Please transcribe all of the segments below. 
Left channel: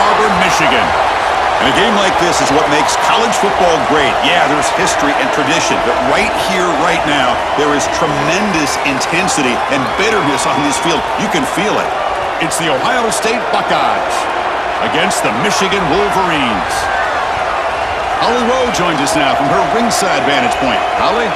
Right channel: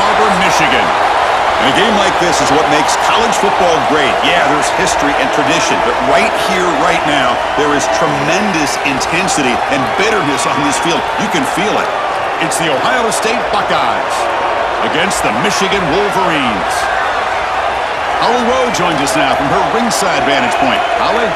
Arbor, Michigan. And a game like this is what makes college football great. Yeah, there's history and tradition, but right here, right now, there is tremendous intensity and bitterness on this field. You can feel it. It's the Ohio State Buckeyes against the Michigan Wolverines. Holly Rowe joins us now from her ringside vantage point. Holly?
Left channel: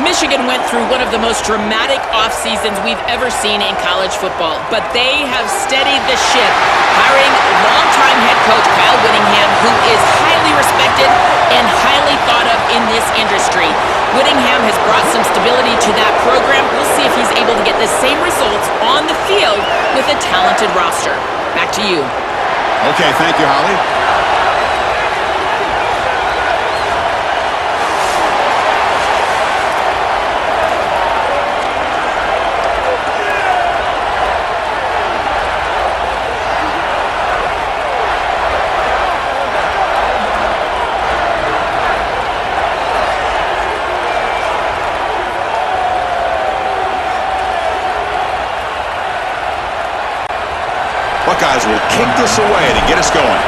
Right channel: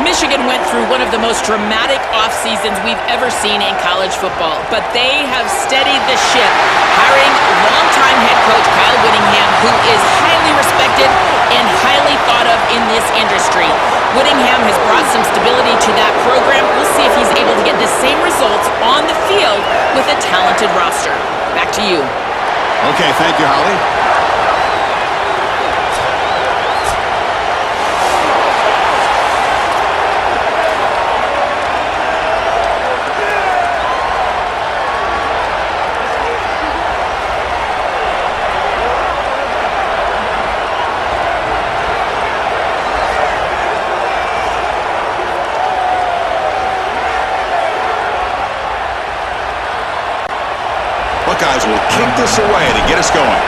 Michigan went through one of the most dramatic off seasons we've ever seen in college football, but they have steadied the ship, hiring longtime head coach Kyle Whittingham, who is highly respected and highly thought of in this industry. Whittingham has brought some stability to that program. We'll see if he's able to get the same results on the field with a talented roster. Back to you. Okay, thank you, Holly. Buckeyes will kick this away to get us going.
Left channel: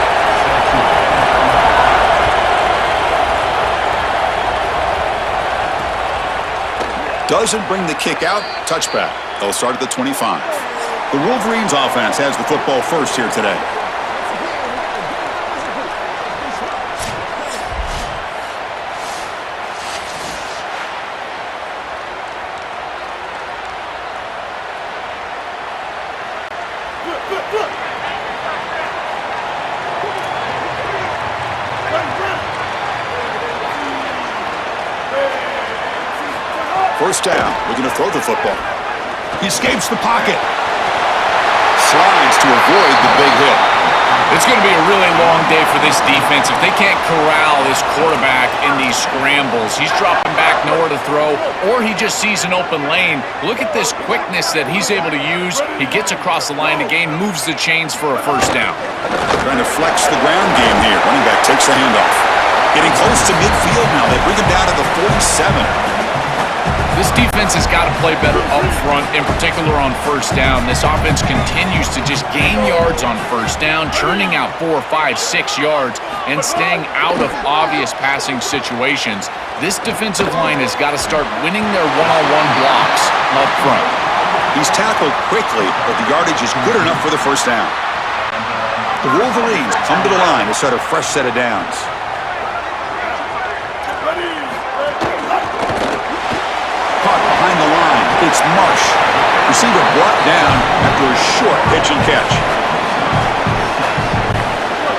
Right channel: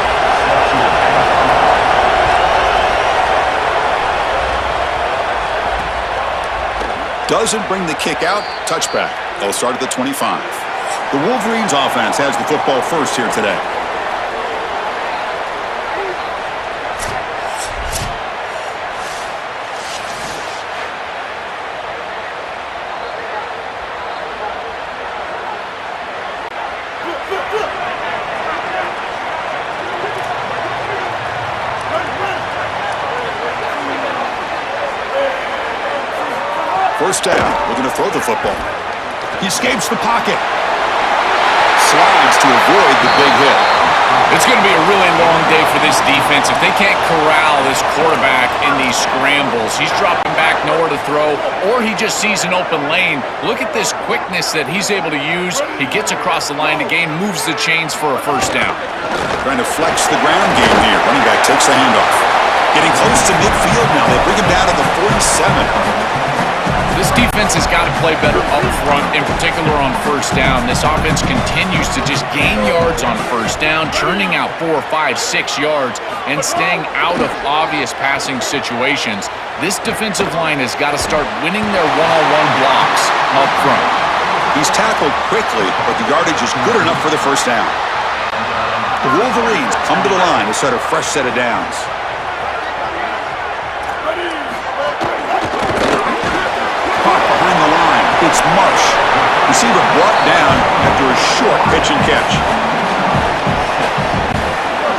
Doesn't bring the kick out. Touchback. They'll start at the 25. The Wolverines offense has the football first here today. First down, we're going to throw the football. He escapes the pocket. Slides to avoid the big hit. It's going to be a really long day for this defense. If they can't corral this quarterback in these scrambles, he's dropping back, nowhere to throw, or he just sees an open lane. Look at this quickness that he's able to use. He gets across the line to gain, moves the chains for a first down. Trying to flex the ground game here. Running back takes the handoff. Getting close to midfield now. They bring him down to the 47. This defense has got to play better up front, in particular on first down. This offense continues to just gain yards on first down, churning out 4, 5, 6 yards, and staying out of obvious passing situations. This defensive line has got to start winning their one-on-one blocks up front. He's tackled quickly, but the yardage is good enough for the first down. The Wolverines come to the line to start a fresh set of downs. Caught behind the line. It's Marsh. Receiver brought down after a short pitch and catch.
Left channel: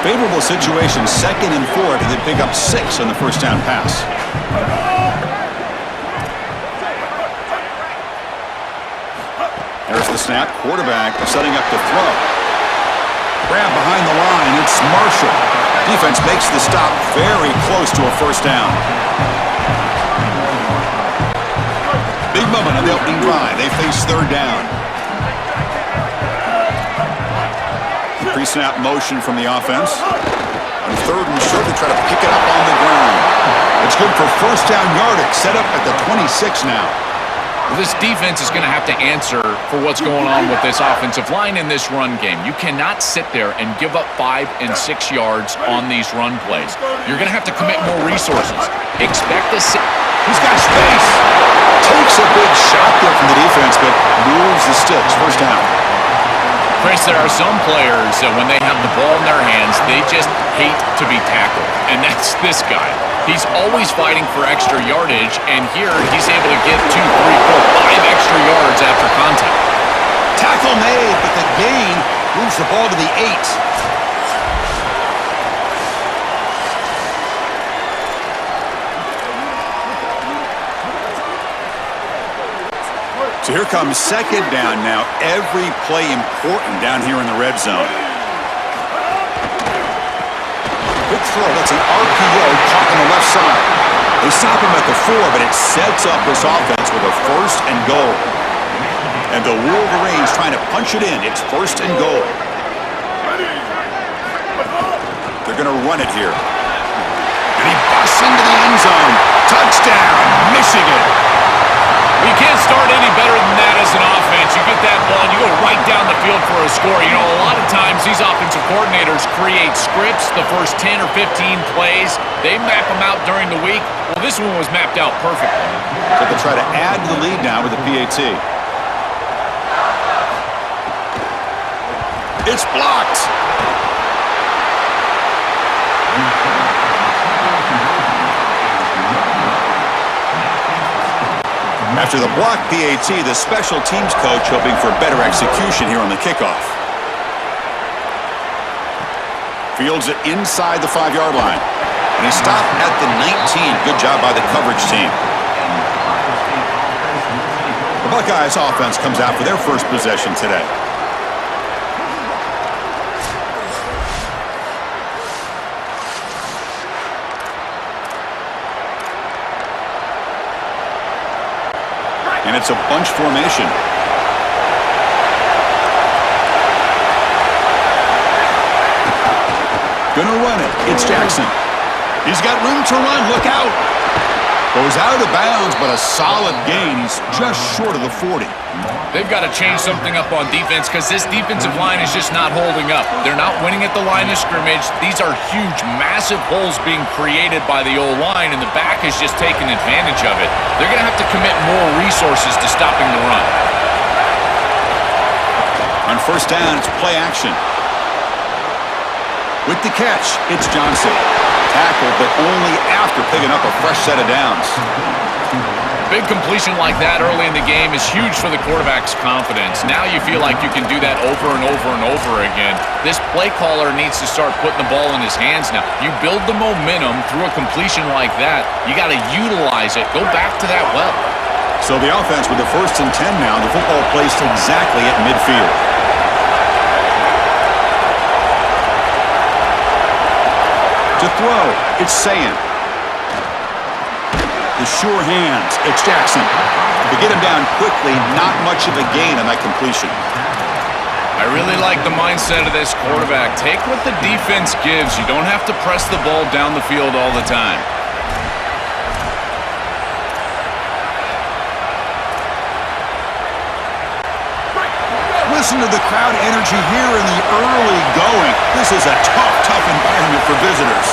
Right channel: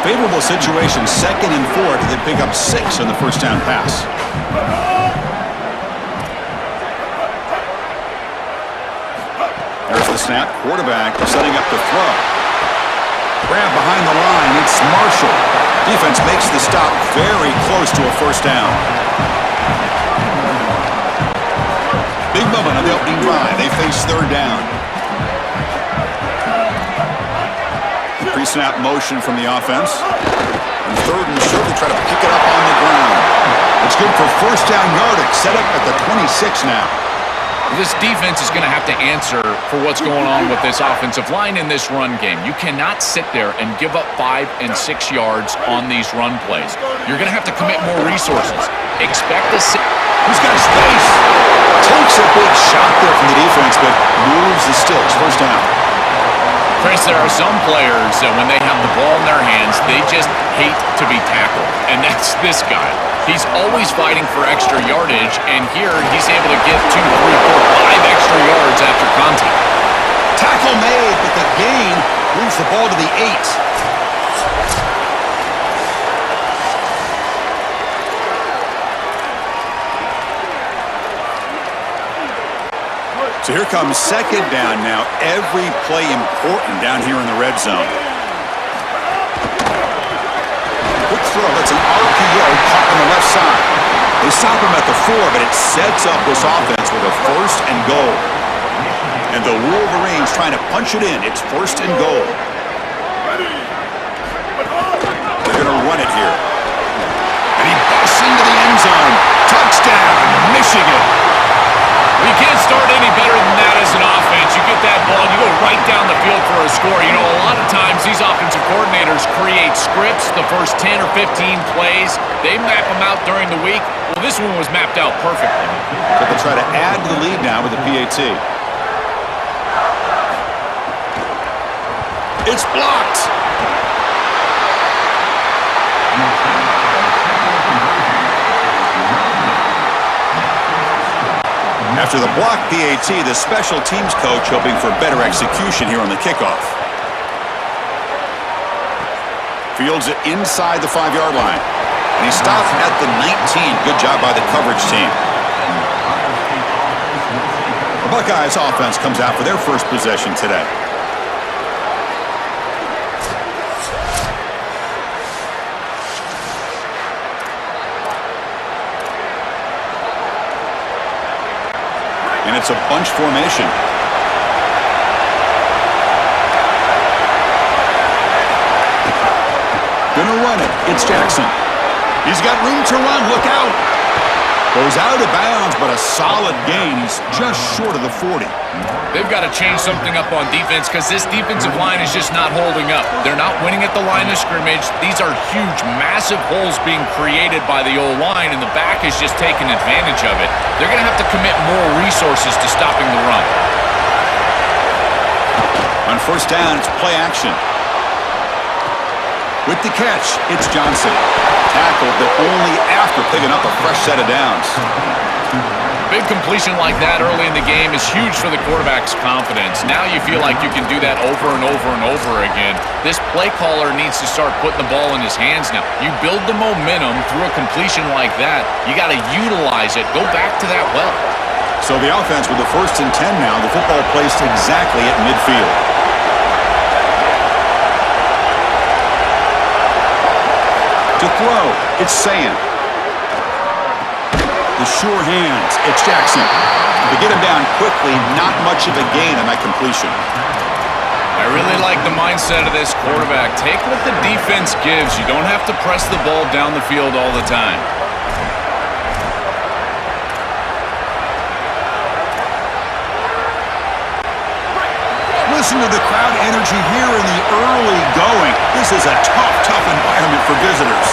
Favorable situation, 2nd and 4. They pick up 6 on the first down pass. There's the snap. Quarterback setting up to throw. Grab behind the line. It's Marshall. Defense makes the stop very close to a first down. Big moment on the opening drive. They face third down. Pre-snap motion from the offense. And 3rd and short, they try to pick it up on the ground. It's good for first down yardage. Set up at the 26 now. Well, this defense is going to have to answer for what's going on with this offensive line in this run game. You cannot sit there and give up 5 and 6 yards on these run plays. You're going to have to commit more resources. Expect to see. He's got space. Takes a big shot there from the defense, but moves the sticks. First down. Chris, there are some players that when they have the ball in their hands, they just hate to be tackled. And that's this guy. He's always fighting for extra yardage, and here he's able to get 2, 3, 4, 5 extra yards after contact. Tackle made, but the gain moves the ball to the 8. So here comes 2nd down now. Every play important down here in the red zone. Quick throw. That's an RPO caught on the left side. They stop him at the 4, but it sets up this offense with a 1st and goal. And the Wolverines trying to punch it in. It's 1st and goal. They're going to run it here. And he busts into the end zone. Touchdown, Michigan. Well, you can't start any better than that as an offense. You get that ball, and you go right down the field for a score. You know, a lot of times these offensive coordinators create scripts, the first 10 or 15 plays. They map them out during the week. Well, this one was mapped out perfectly. So they'll try to add to the lead now with the PAT. It's blocked. After the block PAT, the special teams coach hoping for better execution here on the kickoff. Fields it inside the 5-yard line. And he stopped at the 19. Good job by the coverage team. The Buckeyes offense comes out for their first possession today. And it's a bunch formation. Gonna run it. It's Jackson. He's got room to run. Look out. Goes out of bounds, but a solid gain. He's just short of the 40. They've got to change something up on defense because this defensive line is just not holding up. They're not winning at the line of scrimmage. These are huge, massive holes being created by the O-line, and the back is just taking advantage of it. They're going to have to commit more resources to stopping the run. On first down, it's play action. With the catch, it's Johnson. Tackled, but only after picking up a fresh set of downs. Big completion like that early in the game is huge for the quarterback's confidence. Now you feel like you can do that over and over and over again. This play caller needs to start putting the ball in his hands now. You build the momentum through a completion like that. You got to utilize it. Go back to that well. So the offense with the 1st and 10 now, the football placed exactly at midfield. To throw, it's Sayan. The sure hands, it's Jackson. To get him down quickly, not much of a gain on that completion. I really like the mindset of this quarterback. Take what the defense gives. You don't have to press the ball down the field all the time. Listen to the crowd energy here in the early going. This is a tough environment for visitors.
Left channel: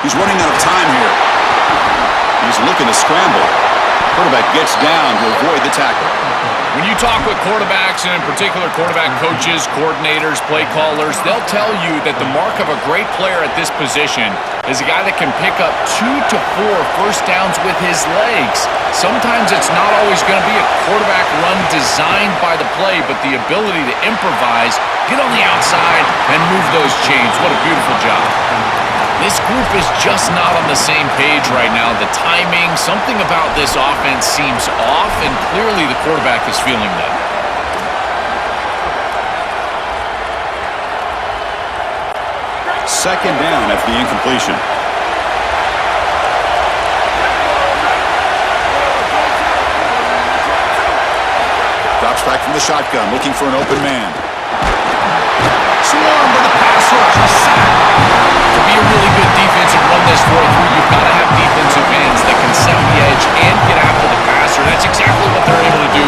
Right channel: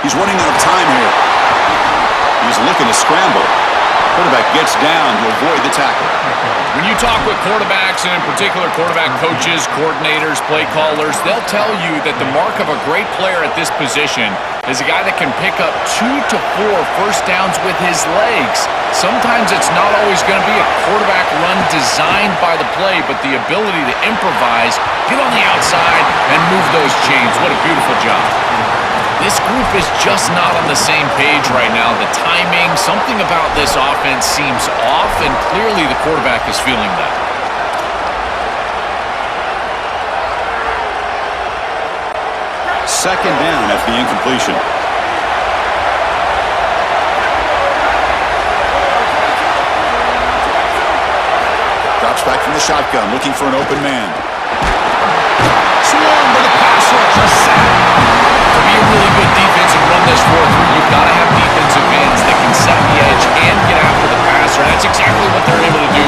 He's running out of time here. He's looking to scramble. Quarterback gets down to avoid the tackle. When you talk with quarterbacks, and in particular quarterback coaches, coordinators, play callers, they'll tell you that the mark of a great player at this position is a guy that can pick up 2 to 4 first downs with his legs. Sometimes it's not always going to be a quarterback run designed by the play, but the ability to improvise, get on the outside, and move those chains. What a beautiful job. This group is just not on the same page right now. The timing, something about this offense seems off, and clearly the quarterback is feeling that. Second down after the incompletion. Drops back from the shotgun, looking for an open man. Swarm with a pass rush, a sack. To be a really good defense and run this 4-3, you've got to have defensive ends that can set the edge and get after the passer. That's exactly what they're able to do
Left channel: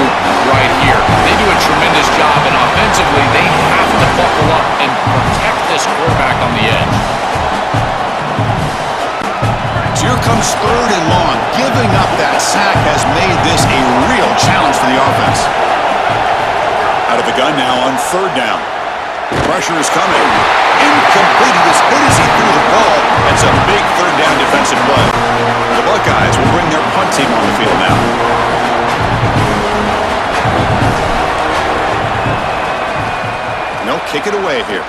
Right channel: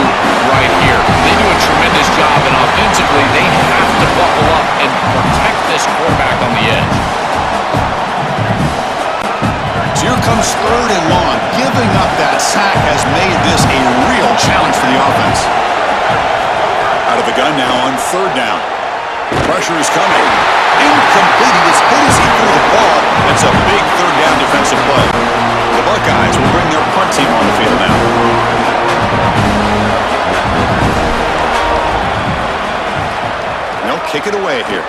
right here. They do a tremendous job, and offensively, they have to buckle up and protect this quarterback on the edge. So here comes 3rd and long. Giving up that sack has made this a real challenge for the offense. Out of the gun now on 3rd down. Pressure is coming. Incomplete. He was hit as he threw the ball. It's a big 3rd down defensive play. The Buckeyes will bring their punt team on the field now. And they'll kick it away here.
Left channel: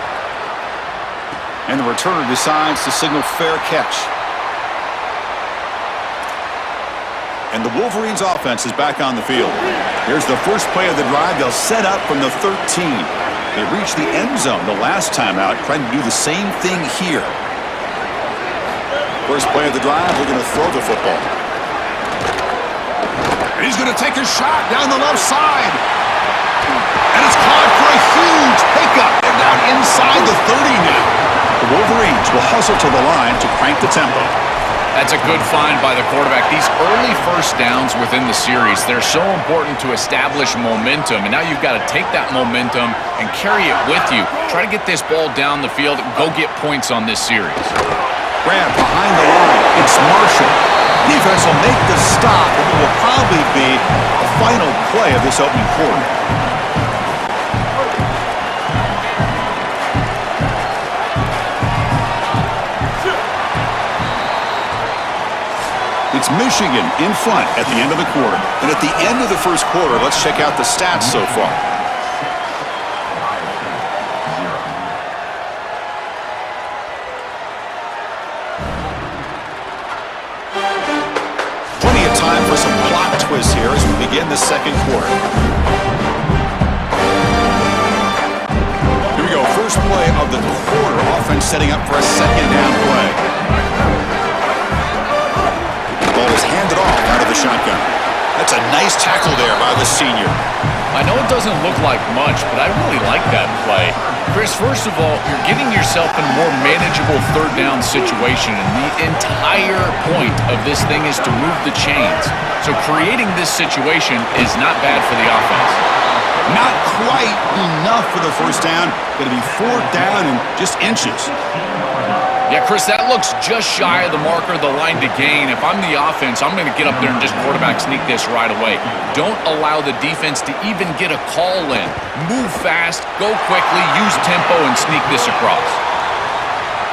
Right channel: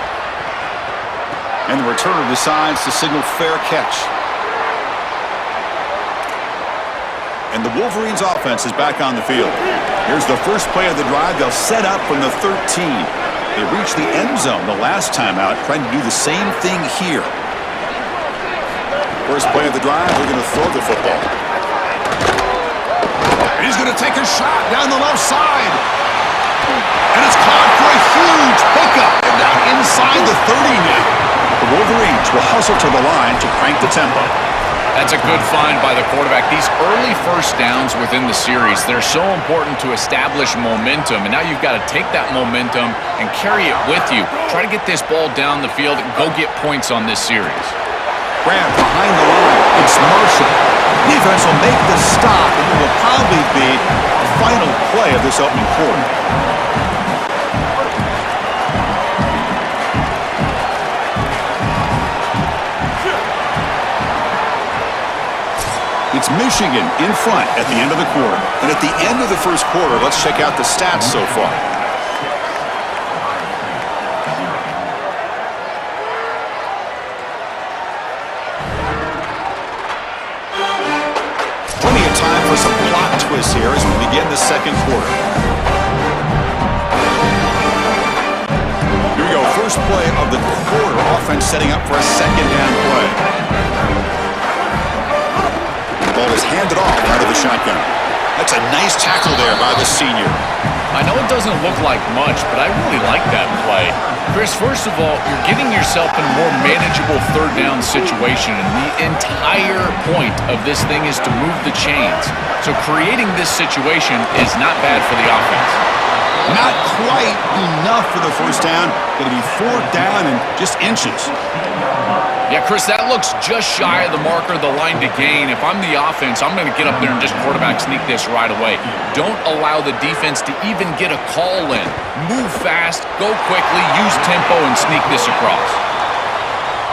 And the returner decides to signal fair catch. And the Wolverines offense is back on the field. Here's the first play of the drive. They'll set up from the 13. They reached the end zone the last time out, trying to do the same thing here. First play of the drive, they're going to throw the football. And he's going to take a shot down the left side. And it's caught for a huge pickup. They're down inside the 30 now. The Wolverines will hustle to the line to crank the tempo. That's a good find by the quarterback. These early first downs within the series, they're so important to establish momentum. And now you've got to take that momentum and carry it with you. Try to get this ball down the field and go get points on this series. Grab behind the line. It's Marshall. Defense will make the stop, and it will probably be a final play of this opening quarter. It's Michigan in front at the end of the quarter. And at the end of the first quarter, let's check out the stats so far. Plenty of time for some plot twists here as we begin the second quarter. Here we go, first play of the quarter. Offense setting up for a second down play. Ball is handed off out of the shotgun. That's a nice tackle there by the senior. I know it doesn't look like much, but I really like that play. Chris, first of all, you're getting yourself in a more manageable third down situation, and the entire point of this thing is to move the chains. So creating this situation is not bad for the offense. Not quite enough for the first down. Going to be fourth down and just inches. Yeah, Chris, that looks just shy of the marker, the line to gain. If I'm the offense, I'm going to get up there and just quarterback sneak this right away. Don't allow the defense to even get a call in. Move fast, go quickly, use tempo, and sneak this across.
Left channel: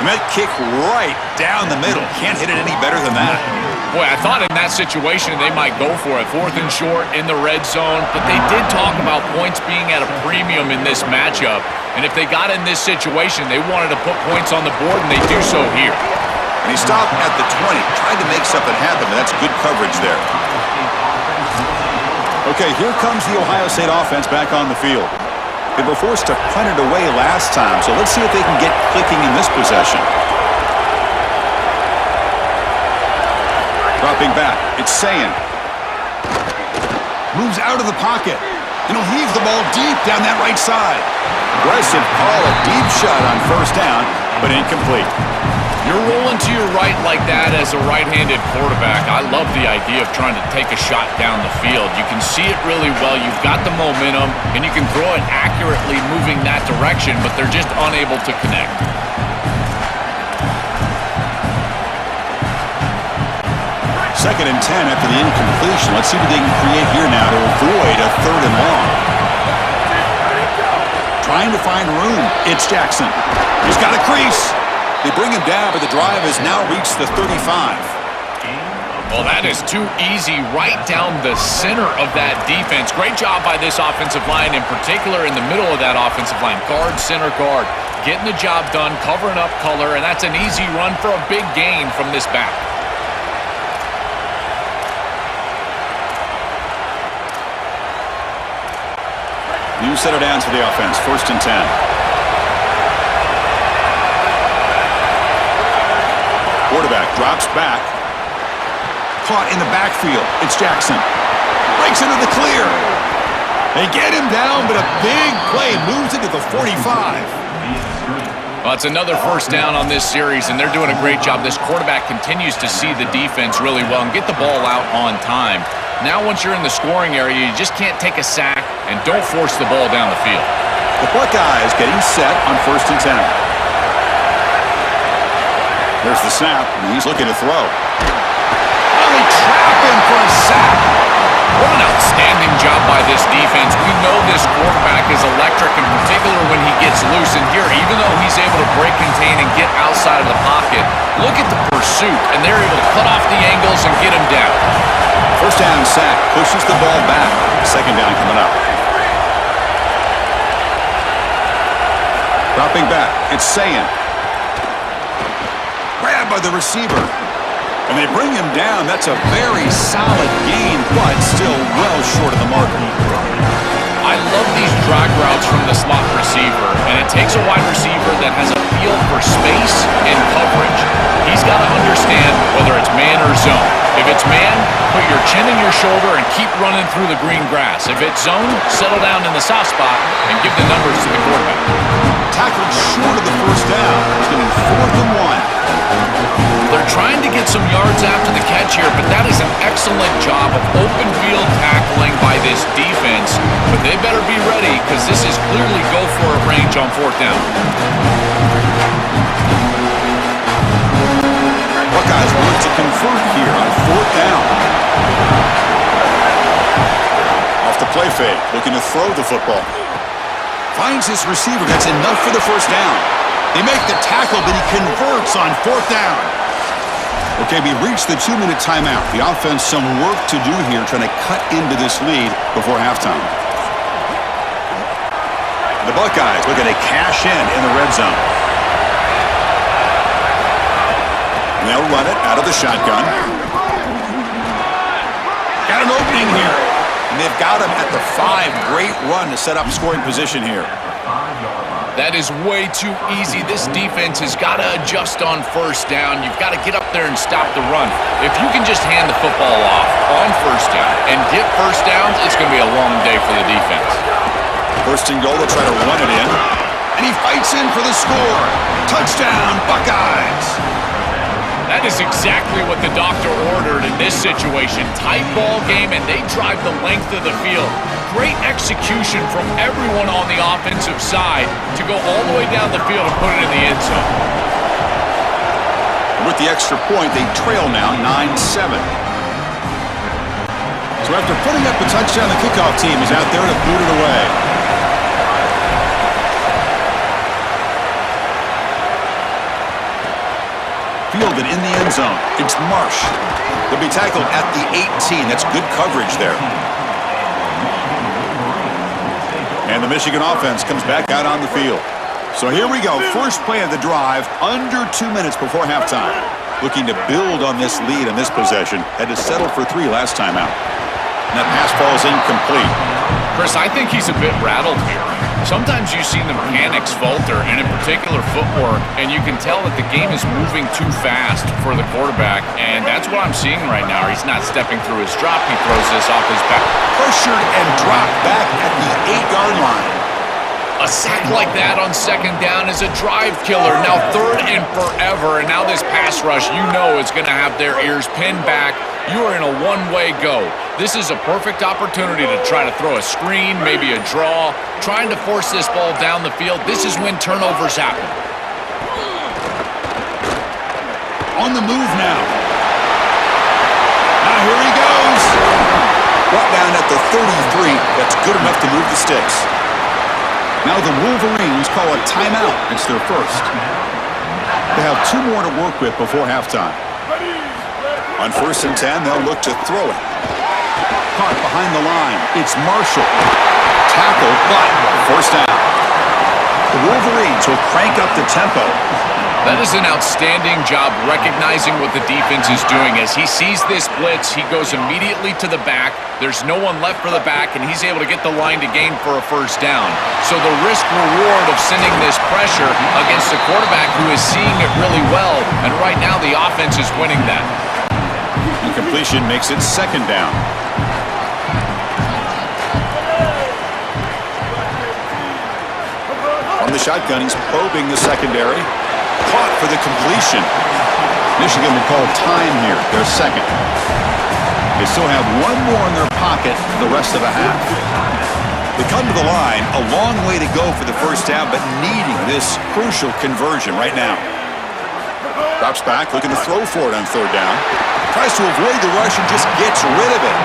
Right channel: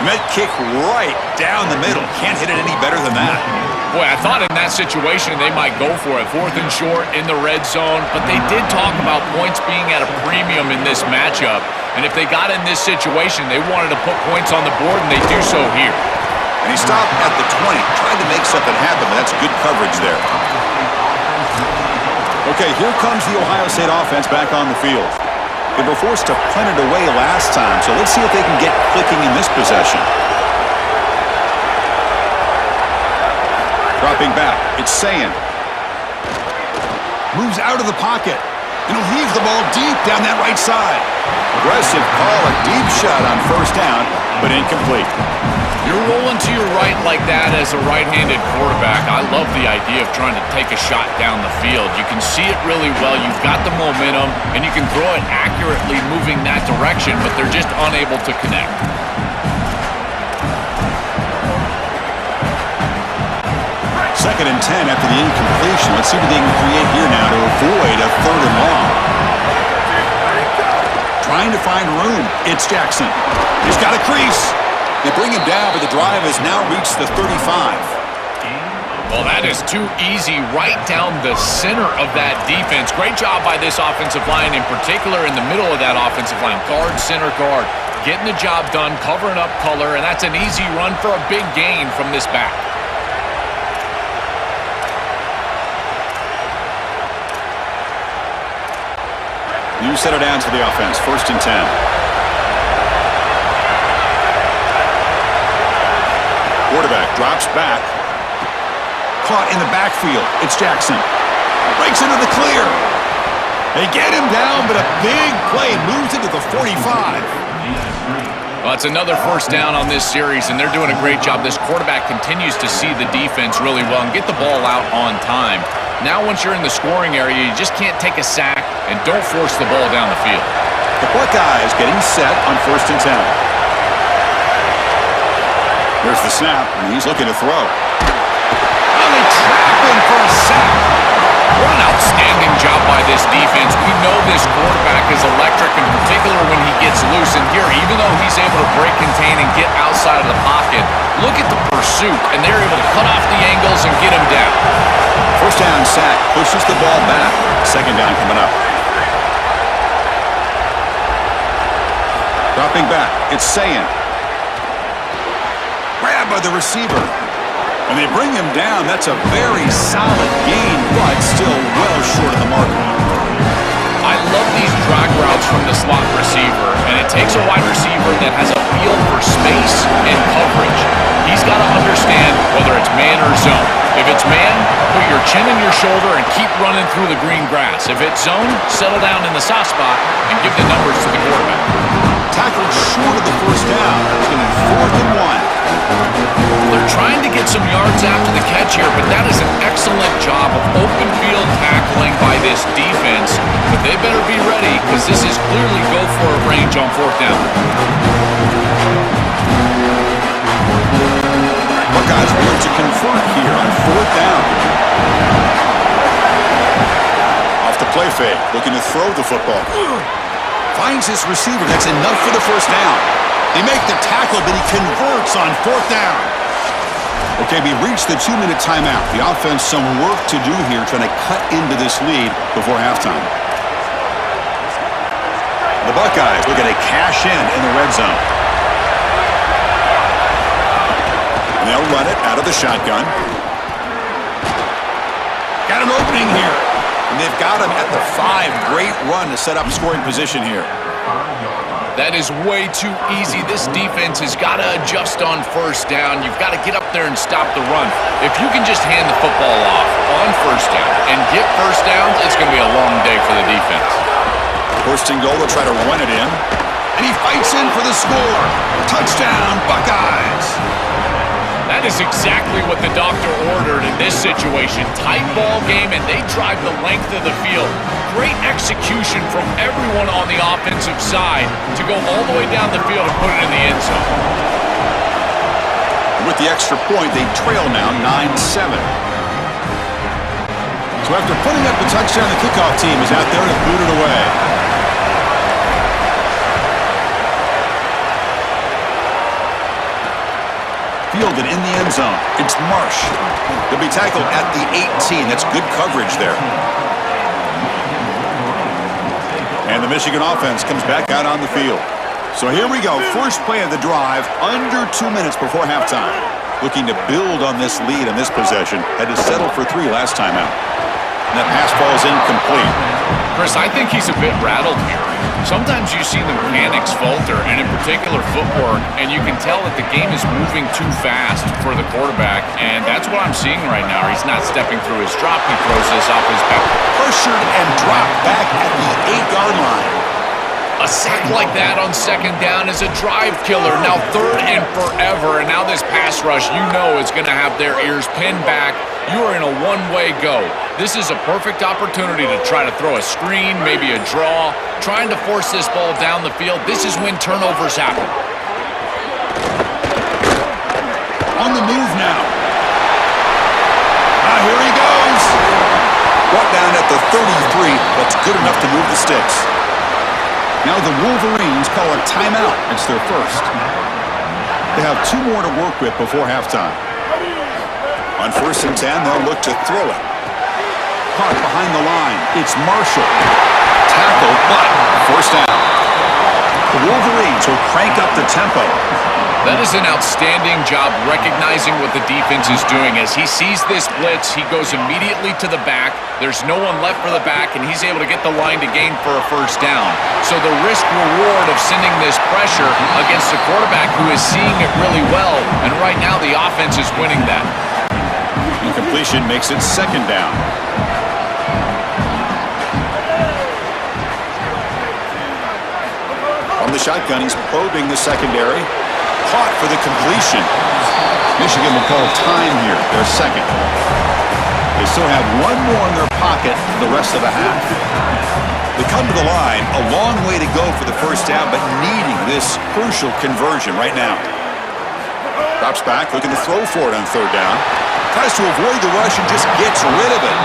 And that kick right down the middle. Can't hit it any better than that. Boy, I thought in that situation they might go for it. Fourth and short in the red zone, but they did talk about points being at a premium in this matchup. And if they got in this situation, they wanted to put points on the board, and they do so here. And he stopped at the 20, tried to make something happen, but that's good coverage there. Okay, here comes the Ohio State offense back on the field. They were forced to punt it away last time, so let's see if they can get clicking in this possession. Dropping back, it's Sayin. Moves out of the pocket, and he'll heave the ball deep down that right side. Aggressive call, a deep shot on first down, but incomplete. You're rolling to your right like that as a right-handed quarterback. I love the idea of trying to take a shot down the field. You can see it really well. You've got the momentum, and you can throw it accurately moving that direction, but they're just unable to connect. Second and 10 after the incompletion. Let's see what they can create here now to avoid a third and long. Trying to find room. It's Jackson. He's got a crease. They bring him down, but the drive has now reached the 35. Well, that is too easy right down the center of that defense. Great job by this offensive line, in particular in the middle of that offensive line. Guard, center guard, getting the job done, covering up color, and that's an easy run for a big gain from this back. New set of downs for the offense. First and 10. Quarterback drops back. Caught in the backfield. It's Jackson. Breaks into the clear. They get him down, but a big play moves into the 45. Well, it's another first down on this series, and they're doing a great job. This quarterback continues to see the defense really well and get the ball out on time. Now, once you're in the scoring area, you just can't take a sack and don't force the ball down the field. The Buckeyes getting set on first and 10. There's the snap, and he's looking to throw. Oh, they trap him for a sack. What an outstanding job by this defense. We know this quarterback is electric, in particular when he gets loose. And here, even though he's able to break, contain, and get outside of the pocket, look at the pursuit, and they're able to cut off the angles and get him down. First down sack, pushes the ball back. Second down coming up. Dropping back, it's Sayin. Grabbed by the receiver. And they bring him down. That's a very solid gain, but still well short of the marker. I love these drag routes from the slot receiver, and it takes a wide receiver that has a feel for space and coverage. He's got to understand whether it's man or zone. If it's man, put your chin in your shoulder and keep running through the green grass. If it's zone, settle down in the soft spot and give the numbers to the quarterback. Tackled short of the first down. It's going to be 4th and 1. They're trying to get some yards after the catch here, but that is an excellent job of open field tackling by this defense. But they better be ready because this is clearly go-for-it range on 4th down. Buckeyes will look to convert here on 4th down. Off the play fake, looking to throw the football. Finds his receiver. That's enough for the 1st down. They make the tackle, but he converts on 4th down. Okay, we reached the 2-minute timeout. The offense some work to do here, trying to cut into this lead before halftime. The Buckeyes looking to cash in the red zone. And they'll run it out of the shotgun. Got an opening here. And they've got him at the 5. Great run to set up scoring position here. That is way too easy. This defense has got to adjust on 1st down. You've got to get up there and stop the run. If you can just hand the football off on 1st down and get 1st downs, it's going to be a long day for the defense. 1st and goal, they'll try to run it in. And he fights in for the score. Touchdown, Buckeyes. That is exactly what the doctor ordered in this situation. Tight ball game, and they drive the length of the field. Great execution from everyone on the offensive side to go all the way down the field and put it in the end zone. And with the extra point, they trail now 9-7. So after putting up the touchdown, the kickoff team is out there to boot it away. Fielded in the end zone. It's Marsh. They'll be tackled at the 18. That's good coverage there. And the Michigan offense comes back out on the field. So here we go. First play of the drive, under 2 minutes before halftime. Looking to build on this lead in this possession. Had to settle for 3 last time out. And that pass falls incomplete. Chris, I think he's a bit rattled here. Sometimes you see the mechanics falter, and in particular footwork, and you can tell that the game is moving too fast for the quarterback, and that's what I'm seeing right now. He's not stepping through his drop. He throws this off his back. Pressured and dropped back at the 8-yard line. A sack like that on 2nd down is a drive killer. Now 3rd and forever, and now this pass rush, you know, is going to have their ears pinned back. You are in a one-way go. This is a perfect opportunity to try to throw a screen, maybe a draw, trying to force this ball down the field. This is when turnovers happen. On the move now. Now here he goes. Brought down at the 33. That's good enough to move the sticks. Now the Wolverines call a timeout. It's their 1st. They have 2 more to work with before halftime. On 1st and 10, they'll look to throw it. Caught behind the line. It's Marshall. Tackled, but 1st down. The Wolverines will crank up the tempo. That is an outstanding job recognizing what the defense is doing. As he sees this blitz, he goes immediately to the back. There's no one left for the back, and he's able to get the line to gain for a 1st down. So the risk-reward of sending this pressure against a quarterback who is seeing it really well, and right now the offense is winning that. Incompletion makes it 2nd down. On the shotgun, he's probing the secondary. Caught for the completion. Michigan will call time here, their 2nd. They still have 1 more in their pocket for the rest of the half. They come to the line, a long way to go for the 1st down, but needing this crucial conversion right now. Drops back, looking to throw for it on 3rd down. Tries to avoid the rush and just gets rid of it.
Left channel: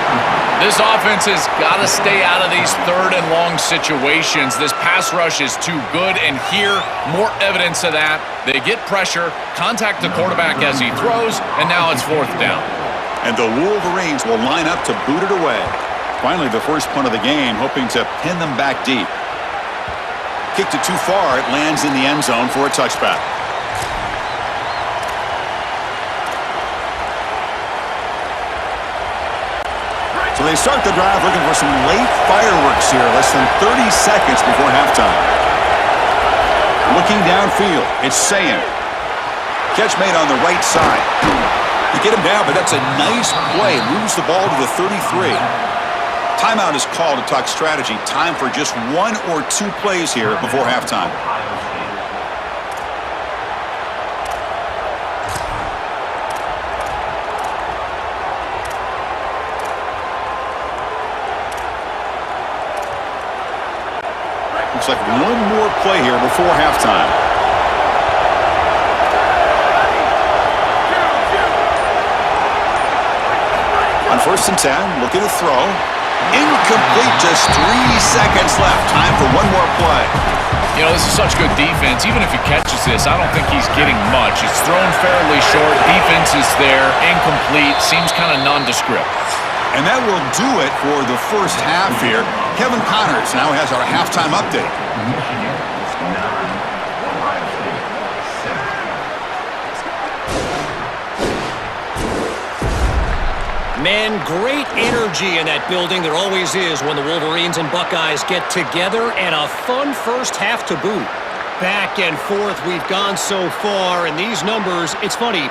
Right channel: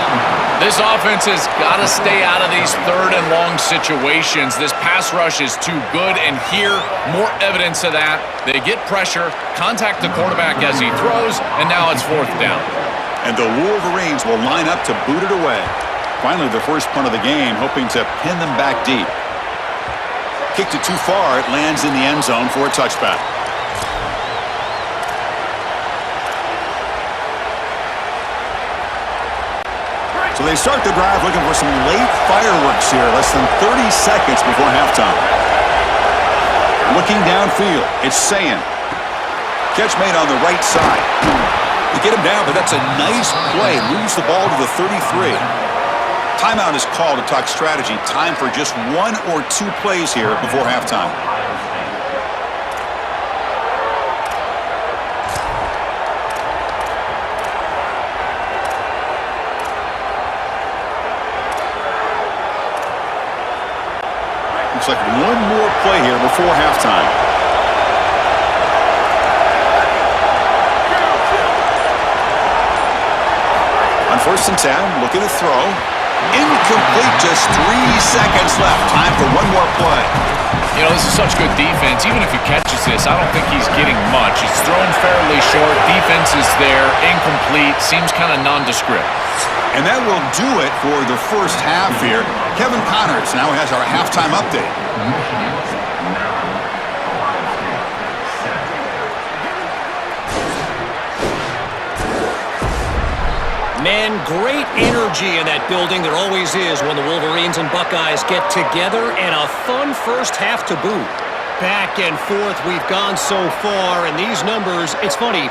This offense has got to stay out of these 3rd and long situations. This pass rush is too good, and here, more evidence of that. They get pressure, contact the quarterback as he throws, and now it's 4th down. And the Wolverines will line up to boot it away. Finally, the first punt of the game, hoping to pin them back deep. Kicked it too far. It lands in the end zone for a touchback. So they start the drive looking for some late fireworks here, less than 30 seconds before halftime. Looking downfield, it's Sayin. Catch made on the right side. You get him down, but that's a nice play. Moves the ball to the 33. Timeout is called to talk strategy. Time for just 1 or 2 plays here before halftime. Looks like one more play here before halftime. On 1st and 10, looking to throw. Incomplete, just 3 seconds left. Time for one more play. You know, this is such good defense. Even if he catches this, I don't think he's getting much. It's thrown fairly short. Defense is there. Incomplete. Seems kind of nondescript. And that will do it for the first half here. Kevin Connors now has our halftime update. Michigan 9, Ohio State 7. Man, great energy in that building. There always is when the Wolverines and Buckeyes get together, and a fun first half to boot. Back and forth we've gone so far, and these numbers, it's funny,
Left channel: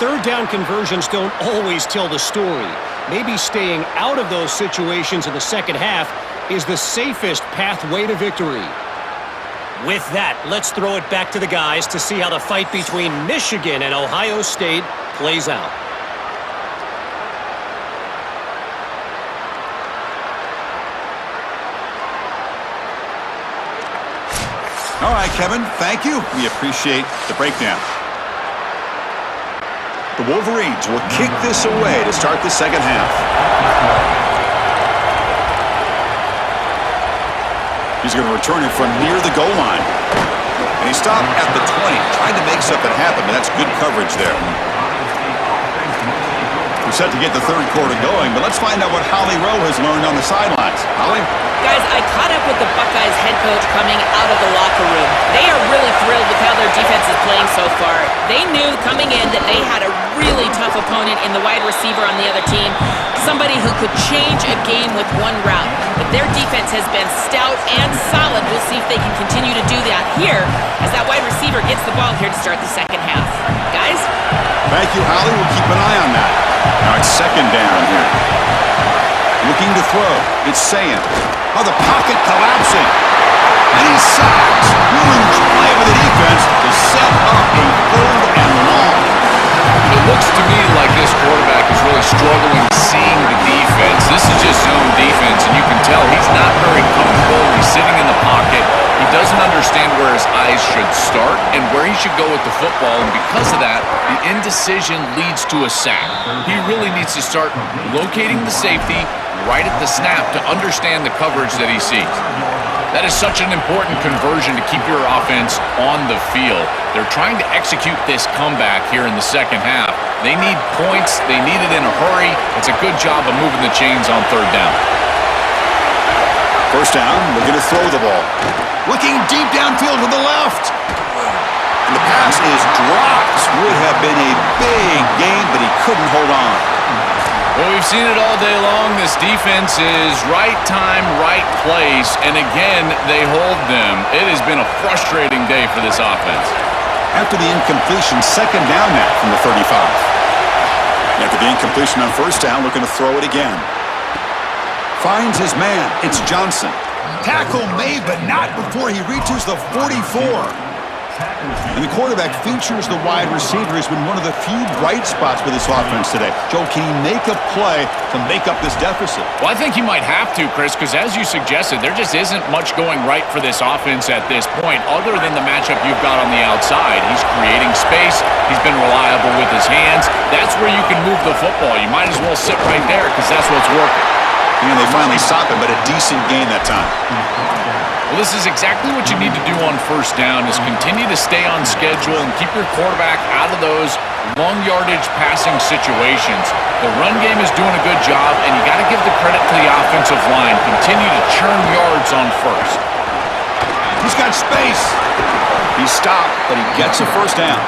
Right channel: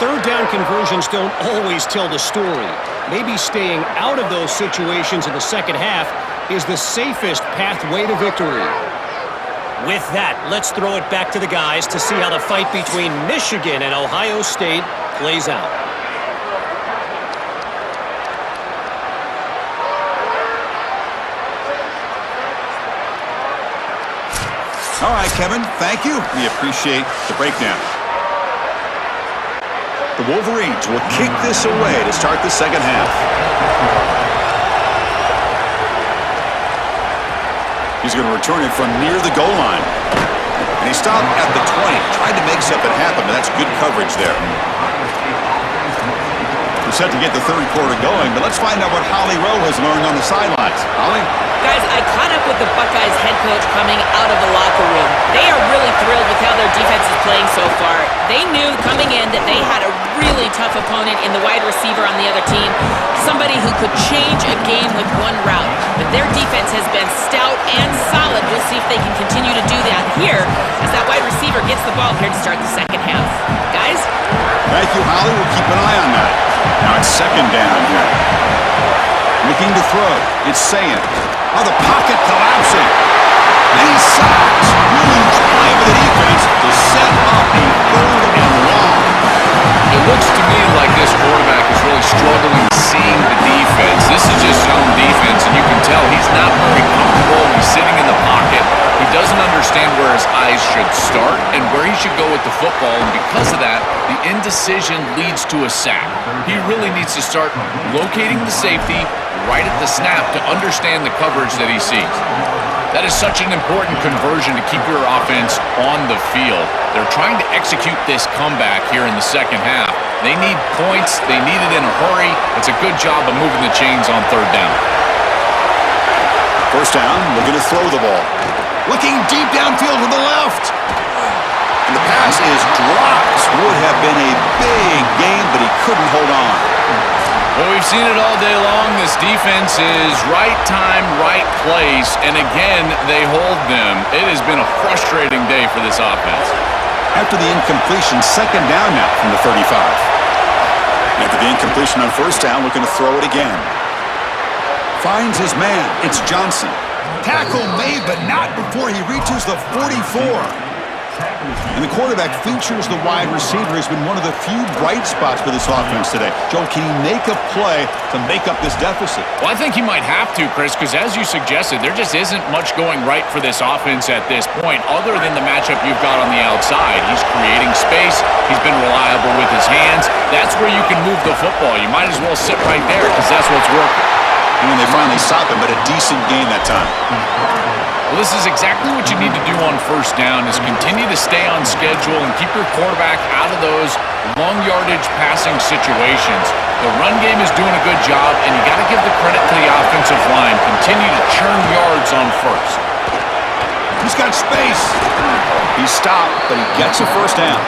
third down conversions don't always tell the story. Maybe staying out of those situations in the second half is the safest pathway to victory. With that, let's throw it back to the guys to see how the fight between Michigan and Ohio State plays out. All right, Kevin, thank you. We appreciate the breakdown. The Wolverines will kick this away to start the second half. He's going to return it from near the goal line. And he stopped at the 20. Tried to make something happen, but that's good coverage there. We're set to get the third quarter going, but let's find out what Holly Rowe has learned on the sidelines. Holly? Guys, I caught up with the Buckeyes head coach coming out of the locker room. They are really thrilled with how their defense is playing so far. They knew coming in that they had a really tough opponent in the wide receiver on the other team, somebody who could change a game with one route. But their defense has been stout and solid. We'll see if they can continue to do that here as that wide receiver gets the ball here to start the second half. Guys? Thank you, Holly. We'll keep an eye on that. Now it's second down here. Looking to throw. It's Sayin. Oh, the pocket collapsing. And he's sacked. Huge play with the defense to set up a third and long. It looks to me like this quarterback is really struggling seeing the defense. This is just zone defense, and you can tell he's not very comfortable. He's sitting in the pocket. He doesn't understand where his eyes should start and where he should go with the football, and because of that, the indecision leads to a sack. He really needs to start locating the safety right at the snap to understand the coverage that he sees. That is such an important conversion to keep your offense on the field. They're trying to execute this comeback here in the second half. They need points. They need it in a hurry. It's a good job of moving the chains on third down. First down, looking to throw the ball. Looking deep downfield to the left. And the pass is dropped. Would have been a big gain, but he couldn't hold on. Well, we've seen it all day long. This defense is right time, right place, and again, they hold them. It has been a frustrating day for this offense. After the incompletion, second down now from the 35. After the incompletion on first down, looking to throw it again. Finds his man. It's Johnson. Tackle made, but not before he reaches the 44. And the quarterback features the wide receiver. Has been one of the few bright spots for this offense today. Joe, can he make a play to make up this deficit? Well, I think he might have to, Chris, because as you suggested, there just isn't much going right for this offense at this point, other than the matchup you've got on the outside. He's creating space. He's been reliable with his hands. That's where you can move the football. You might as well sit right there because that's what's working. And they finally stopped him, but a decent gain that time. Well, this is exactly what you need to do on first down is continue to stay on schedule and keep your quarterback out of those long yardage passing situations. The run game is doing a good job, and you got to give the credit to the offensive line. Continue to churn yards on first. He's got space. He's stopped, but he gets a first down.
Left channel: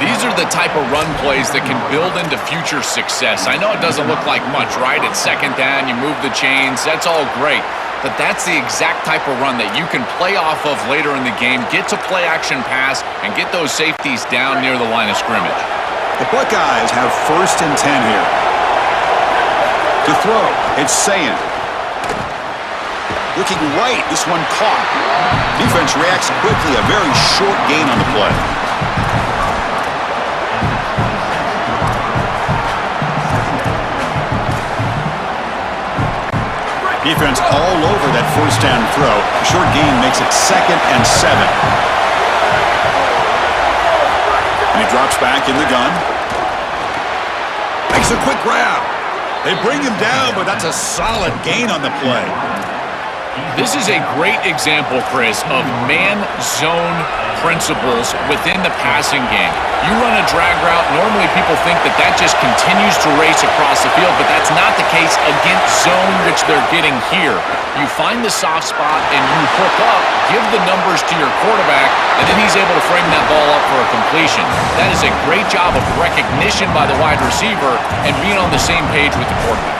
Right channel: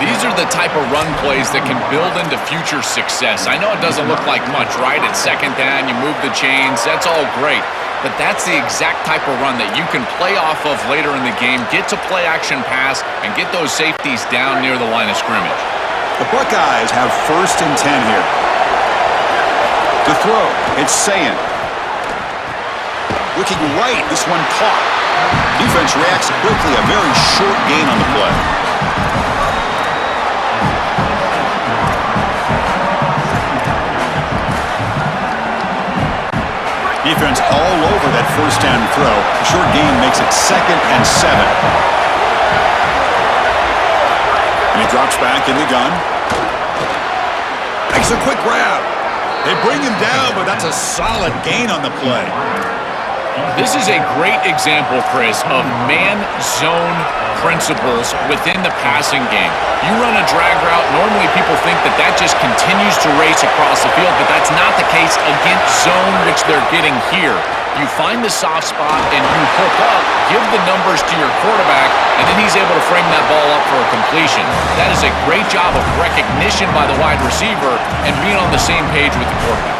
These are the type of run plays that can build into future success. I know it doesn't look like much, right? It's second down, you move the chains, that's all great. But that's the exact type of run that you can play off of later in the game, get to play action pass, and get those safeties down near the line of scrimmage. The Buckeyes have 1st and 10 here. To throw, it's Sayin. Looking right, this one caught. Defense reacts quickly, a very short gain on the play. Defense all over that first down throw. The short gain makes it 2nd and 7. And he drops back in the gun. Makes a quick grab. They bring him down, but that's a solid gain on the play. This is a great example, Chris, of man-zone principles within the passing game. You run a drag route, normally people think that that just continues to race across the field, but that's not the case against zone, which they're getting here. You find the soft spot and you hook up, give the numbers to your quarterback, and then he's able to frame that ball up for a completion. That is a great job of recognition by the wide receiver and being on the same page with the quarterback.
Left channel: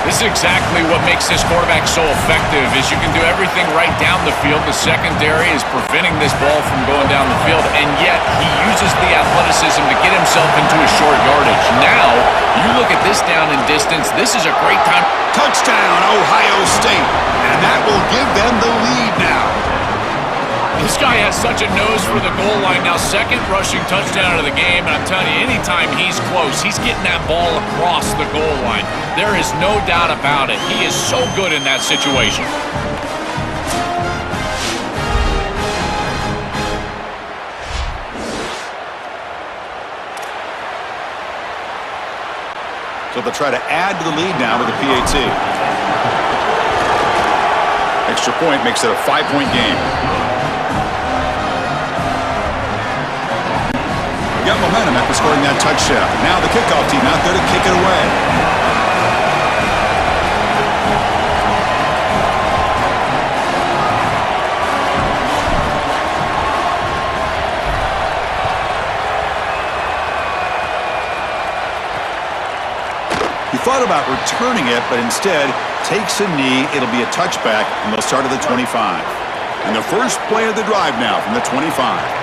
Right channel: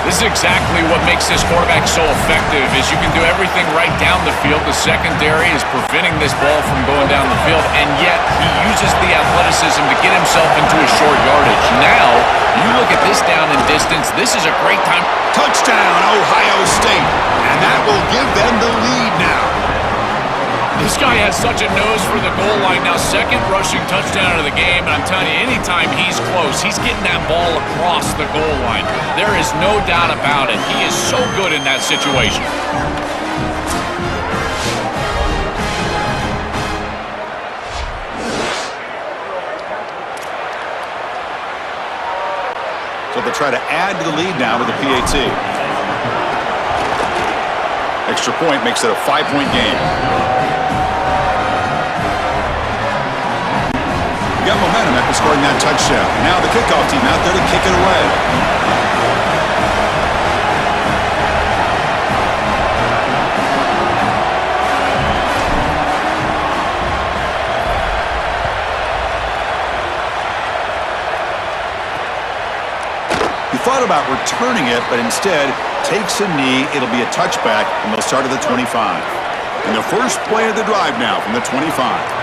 This is exactly what makes this quarterback so effective is you can do everything right down the field. The secondary is preventing this ball from going down the field, and yet he uses the athleticism to get himself into a short yardage. Now, you look at this down and distance, this is a great time. Touchdown, Ohio State. And that will give them the lead now. This guy has such a nose for the goal line now. 2nd rushing touchdown of the game, and I'm telling you, anytime he's close, he's getting that ball across the goal line. There is no doubt about it. He is so good in that situation. So they'll try to add to the lead now with the PAT. Extra point makes it a 5-point game. Got momentum after scoring that touchdown. Now the kickoff team out there to kick it away. He thought about returning it, but instead takes a knee. It'll be a touchback, and they'll start at the 25. And the first play of the drive now from the 25.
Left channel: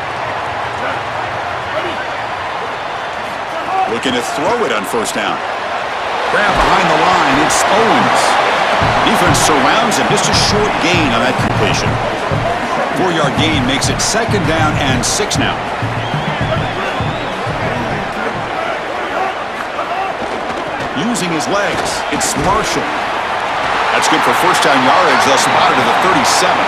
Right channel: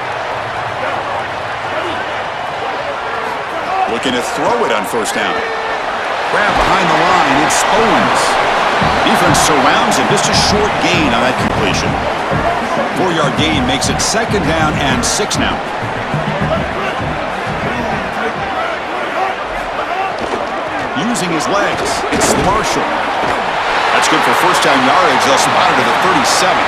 Looking to throw it on first down. Grab behind the line, it's Owens. Defense surrounds him, just a short gain on that completion. 4-yard gain makes it 2nd down and 6 now. Using his legs, it's Marshall. That's good for first down yardage. They'll spot it at the 37.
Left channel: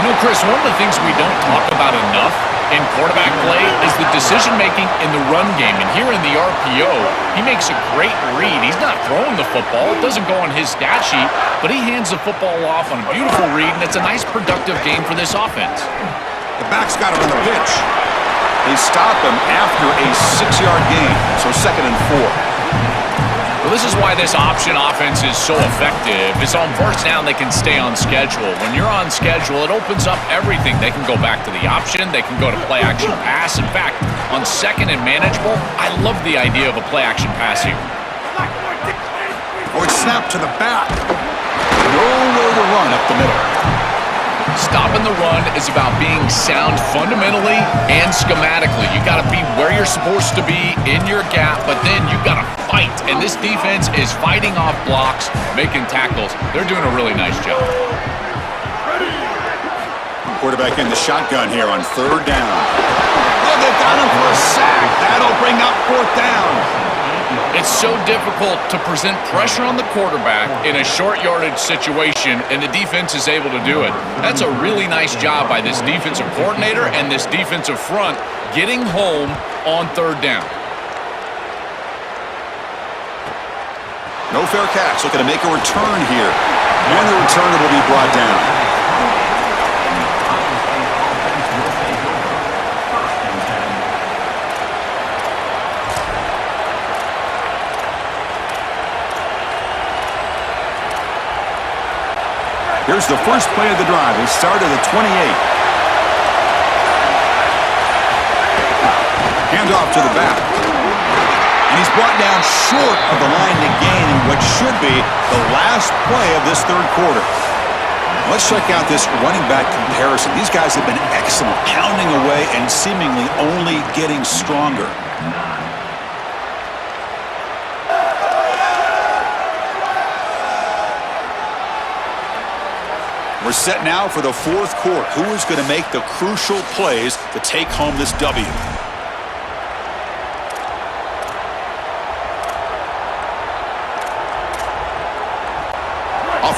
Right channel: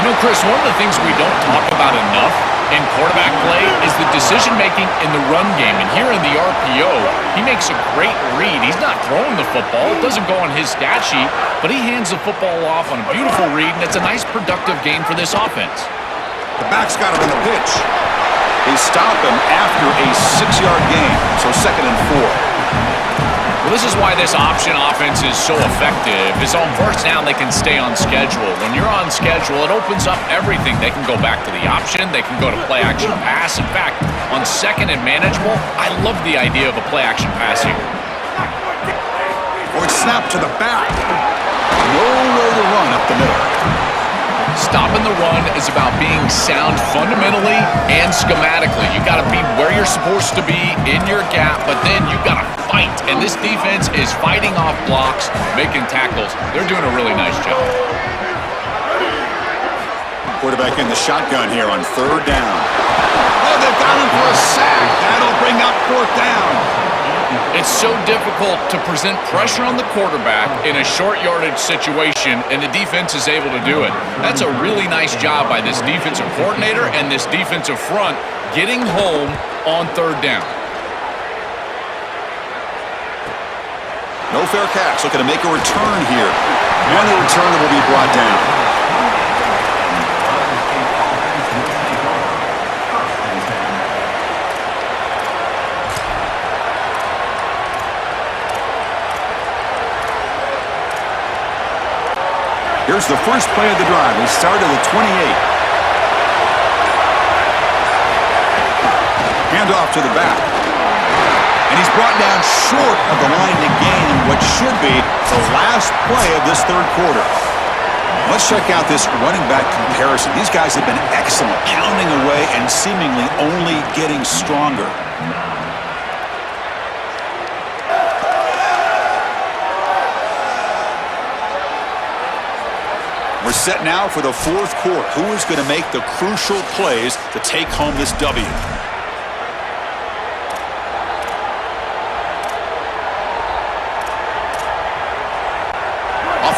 You know, Chris, one of the things we don't talk about enough in quarterback play is the decision-making in the run game. And here in the RPO, he makes a great read. He's not throwing the football. It doesn't go on his stat sheet, but he hands the football off on a beautiful read, and it's a nice, productive game for this offense. The back's got it on the pitch. They stop him after a 6-yard gain, so 2nd and 4. Well, this is why this option offense is so effective. Is on first down, they can stay on schedule. When you're on schedule, it opens up everything. They can go back to the option. They can go to play-action pass. In fact, on 2nd and manageable, I love the idea of a play-action pass here. Or snap to the back. Nowhere to run up the middle. Stopping the run is about being sound fundamentally and schematically. You got to be where you're supposed to be in your gap, but then you got to fight. And this defense is fighting off blocks, making tackles. They're doing a really nice job. Quarterback in the shotgun here on 3rd down. Oh, they've got him for a sack. That'll bring up 4th down. It's so difficult to present pressure on the quarterback in a short yardage situation, and the defense is able to do it. That's a really nice job by this defensive coordinator and this defensive front getting home on 3rd down. No fair catch. Looking to make a return here. And the return will be brought down. Here's the first play of the drive. They start at the 28. Hand off to the back. And he's brought down short of the line to gain in what should be the last play of this 3rd quarter. Let's check out this running back comparison. These guys have been excellent, pounding away and seemingly only getting stronger. We're set now for the 4th quarter. Who is going to make the crucial plays to take home this W?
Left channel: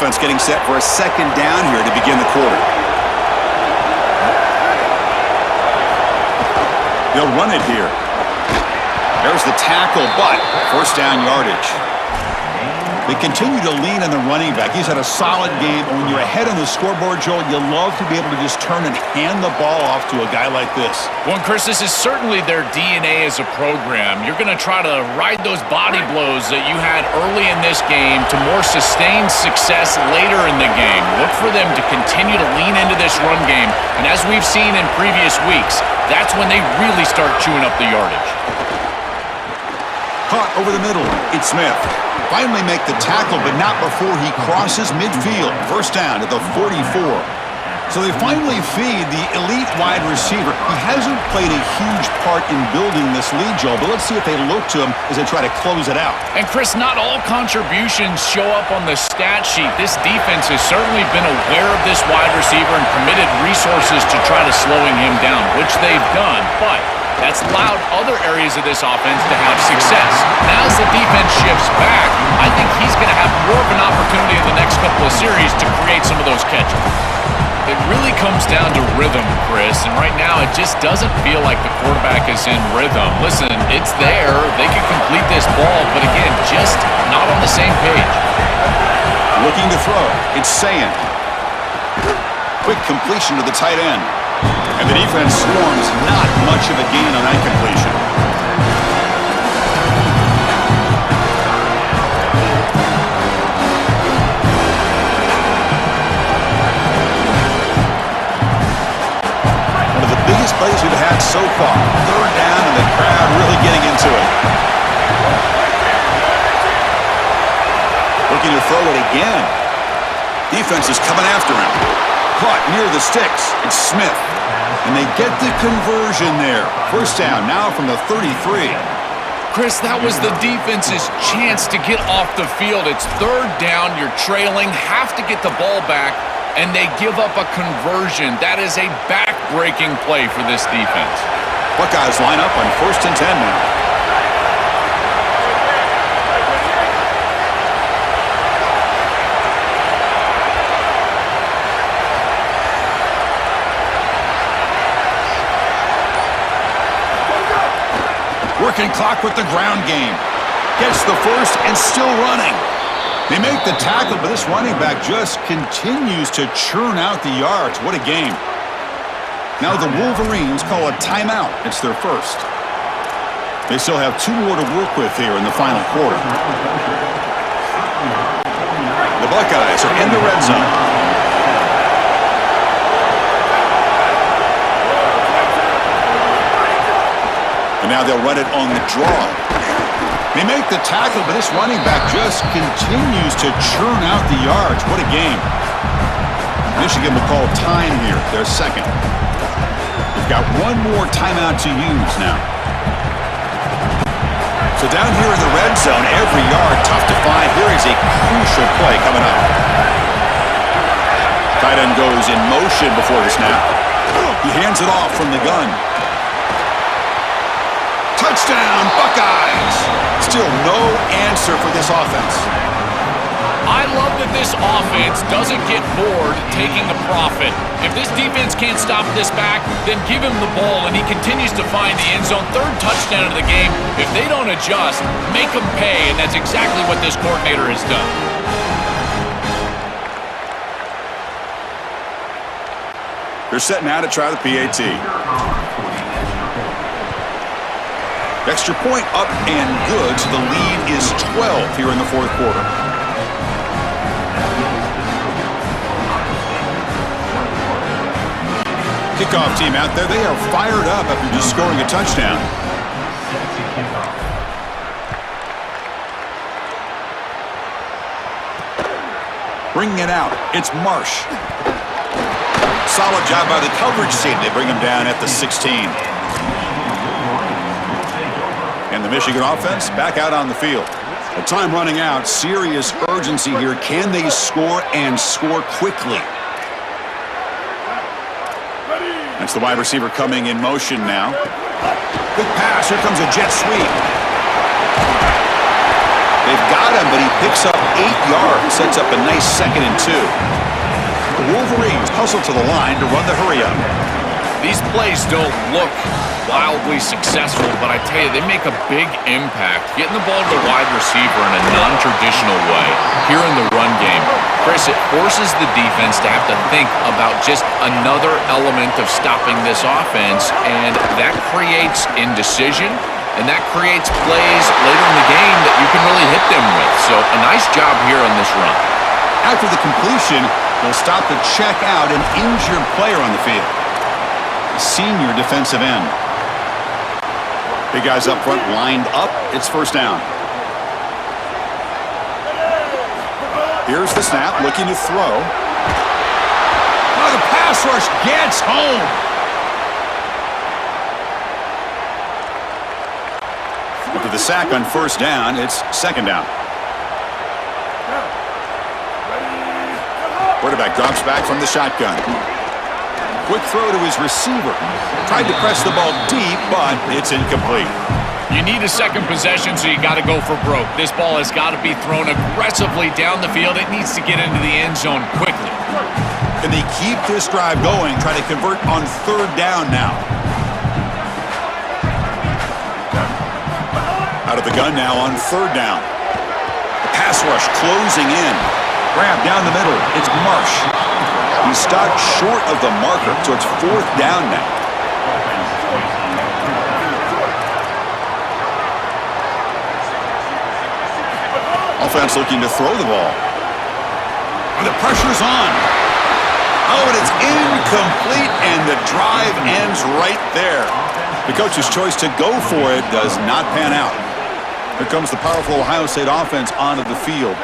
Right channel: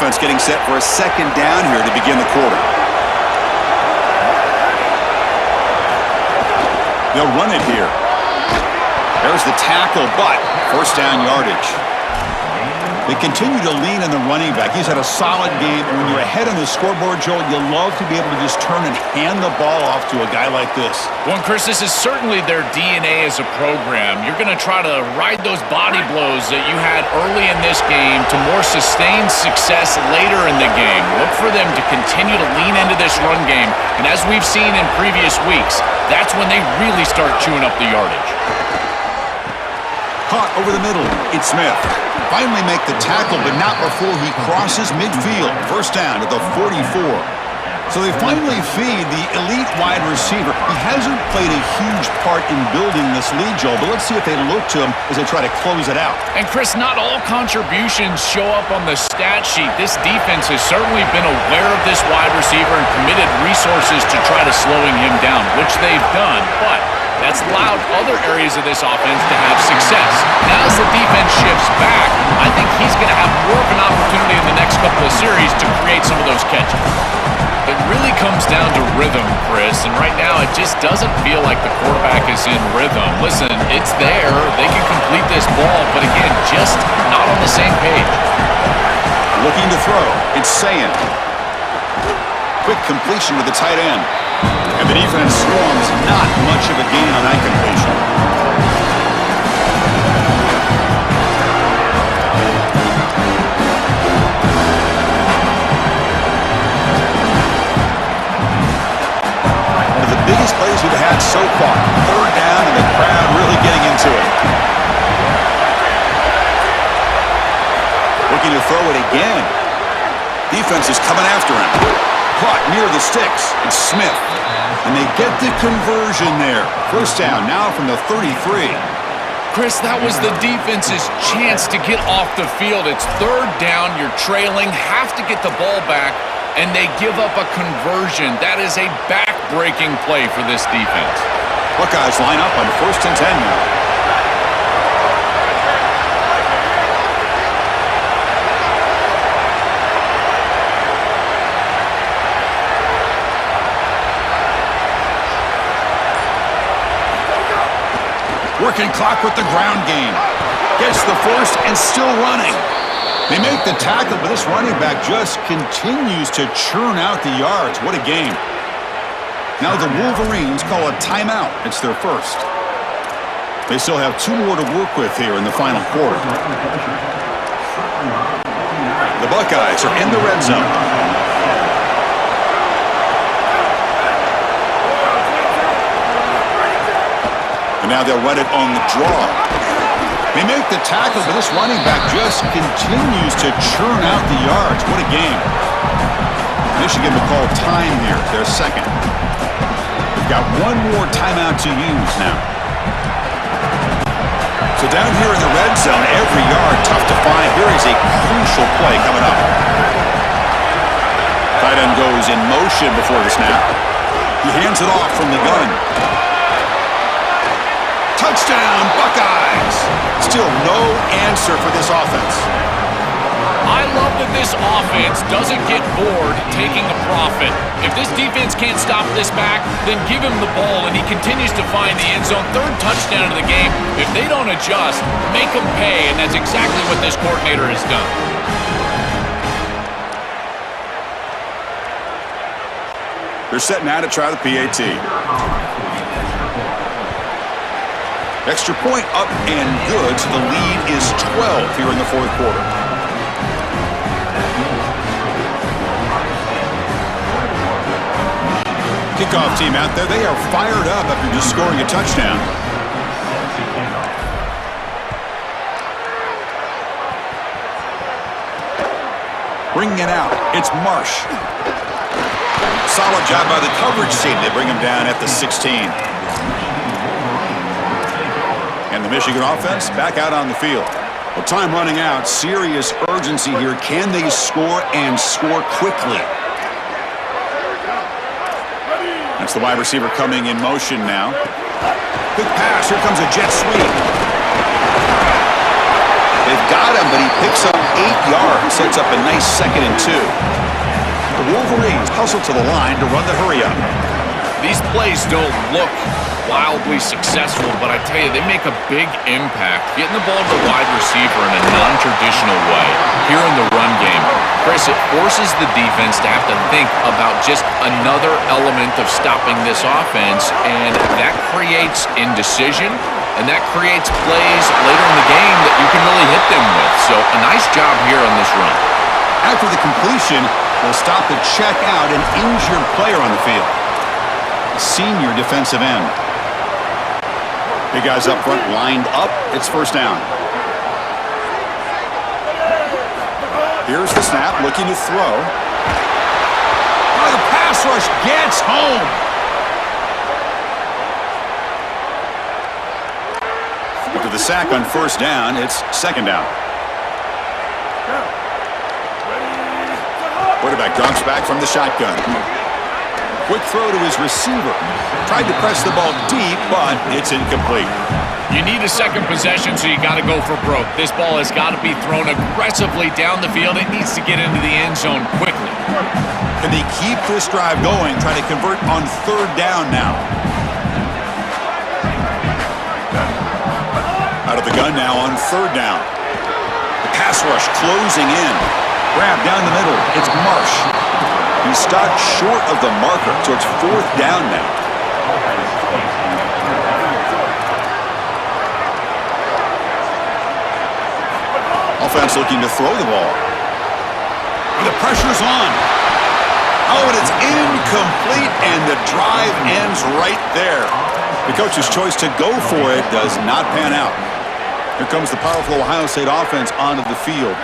offense getting set for a second down here to begin the quarter. They'll run it here. There's the tackle, but first down yardage. They continue to lean on the running back. He's had a solid game, and when you're ahead on the scoreboard, Joel, you love to be able to just turn and hand the ball off to a guy like this. Well, Chris, this is certainly their DNA as a program. You're going to try to ride those body blows that you had early in this game to more sustained success later in the game. Look for them to continue to lean into this run game, and as we've seen in previous weeks, that's when they really start chewing up the yardage. Caught over the middle. It's Smith. Finally make the tackle, but not before he crosses midfield. First down at the 44. So they finally feed the elite wide receiver. He hasn't played a huge part in building this lead, Joel, but let's see if they look to him as they try to close it out. And Chris, not all contributions show up on the stat sheet. This defense has certainly been aware of this wide receiver and committed resources to try to slowing him down, which they've done, but that's allowed other areas of this offense to have success. Now as the defense shifts back, I think he's going to have more of an opportunity in the next couple of series to create some of those catches. It really comes down to rhythm, Chris, and right now it just doesn't feel like the quarterback is in rhythm. Listen, it's there. They can complete this ball, but again, just not on the same page. Looking to throw. It's Sayin. Quick completion to the tight end. And the defense swarms, not much of a gain on that completion. One of the biggest plays we've had so far. Third down and the crowd really getting into it. Looking to throw it again. Defense is coming after him. Caught near the sticks. It's Smith. And they get the conversion there. First down now from the 33. Chris, that was the defense's chance to get off the field. It's third down, you're trailing, have to get the ball back, and they give up a conversion. That is a back-breaking play for this defense. Buckeyes line up on 1st and 10 now. Working clock with the ground game. Gets the first and still running. They make the tackle, but this running back just continues to churn out the yards. What a game. Now the Wolverines call a timeout. It's their first. They still have 2 more to work with here in the final quarter. The Buckeyes are in the red zone. And now they'll run it on the draw. They make the tackle, but this running back just continues to churn out the yards. What a game. Michigan will call time here, their second. They've got 1 more timeout to use now. So down here in the red zone, every yard tough to find. Here is a crucial play coming up. Tight end goes in motion before the snap. He hands it off from the gun. Touchdown, Buckeyes! Still no answer for this offense. I love that this offense doesn't get bored taking a profit. If this defense can't stop this back, then give him the ball, and he continues to find the end zone. 3rd touchdown of the game. If they don't adjust, make them pay, and that's exactly what this coordinator has done. They're set now to try the PAT. Extra point up and good, so the lead is 12 here in the 4th quarter. Kickoff team out there, they are fired up after just scoring a touchdown. Bringing it out, it's Marsh. Solid job by the coverage team. They bring him down at the 16. And the Michigan offense back out on the field. Well, time running out. Serious urgency here. Can they score and score quickly? That's the wide receiver coming in motion now. Quick pass. Here comes a jet sweep. They've got him, but he picks up 8 yards. Sets up a nice 2nd and 2. The Wolverines hustle to the line to run the hurry-up. These plays don't look wildly successful, but I tell you, they make a big impact. Getting the ball to the wide receiver in a non-traditional way here in the run game. Chris, it forces the defense to have to think about just another element of stopping this offense, and that creates indecision, and that creates plays later in the game that you can really hit them with. So a nice job here on this run. After the completion, they'll stop the check out an injured player on the field. The senior defensive end. Big guys up front lined up. It's first down. Here's the snap, looking to throw. Oh, the pass rush gets home. After the sack on first down, it's second down. Quarterback drops back from the shotgun. Quick throw to his receiver. Tried to press the ball deep, but it's incomplete. You need a second possession, so you got to go for broke. This ball has got to be thrown aggressively down the field. It needs to get into the end zone quickly. Can they keep this drive going? Try to convert on third down now. Out of the gun now on third down. The pass rush closing in. Grab down the middle. It's Marsh. He's stopped short of the marker, so it's fourth down now. Offense looking to throw the ball. And the pressure's on. Oh, and it's incomplete, and the drive ends right there. The coach's choice to go for it does not pan out. Here comes the powerful Ohio State offense onto the field.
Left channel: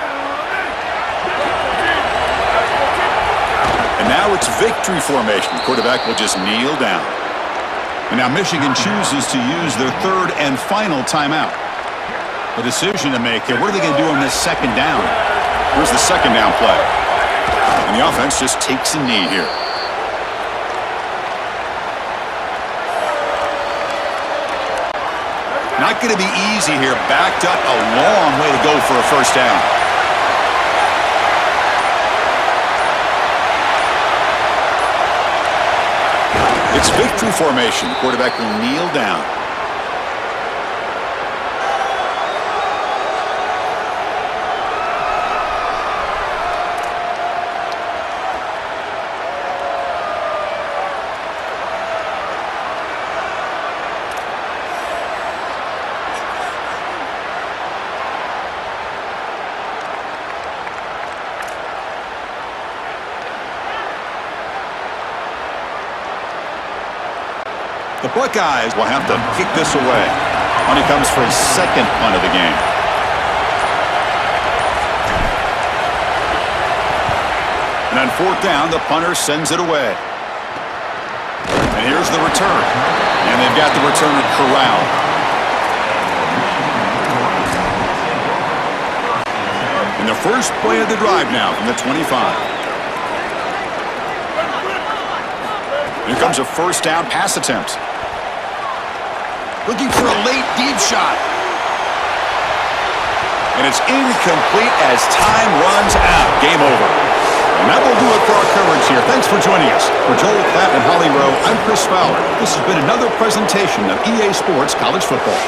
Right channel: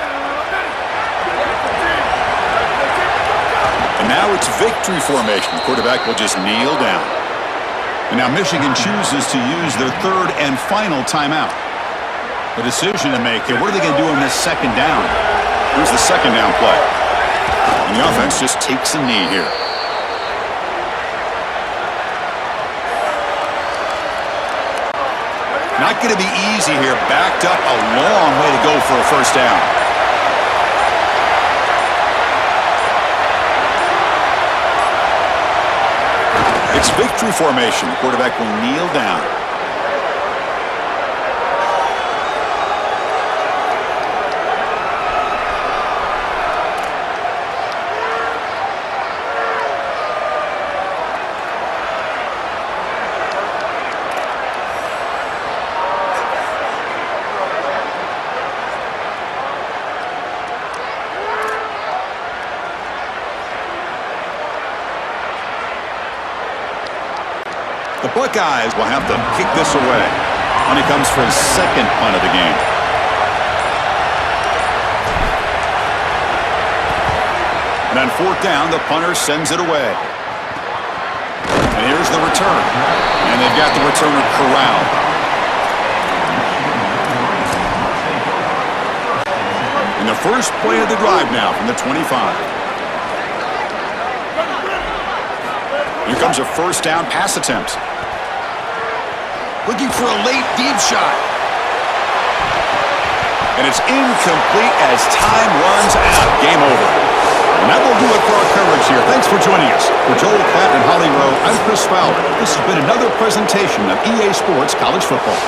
And now it's victory formation. The quarterback will just kneel down. And now Michigan chooses to use their third and final timeout. The decision to make here, what are they going to do on this second down? Here's the second down play. And the offense just takes a knee here. Not going to be easy here. Backed up a long way to go for a first down. It's victory formation. The quarterback will kneel down. The Buckeyes will have to kick this away. Money comes for his second punt of the game. And on fourth down, the punter sends it away. And here's the return. And they've got the returner corralled. And the first play of the drive now from the 25. Here comes a first down pass attempt. Looking for a late deep shot. And it's incomplete as time runs out. Game over. And that will do it for our coverage here. Thanks for joining us. For Joel Klatt and Holly Rowe, I'm Chris Fowler. This has been another presentation of EA Sports College Football.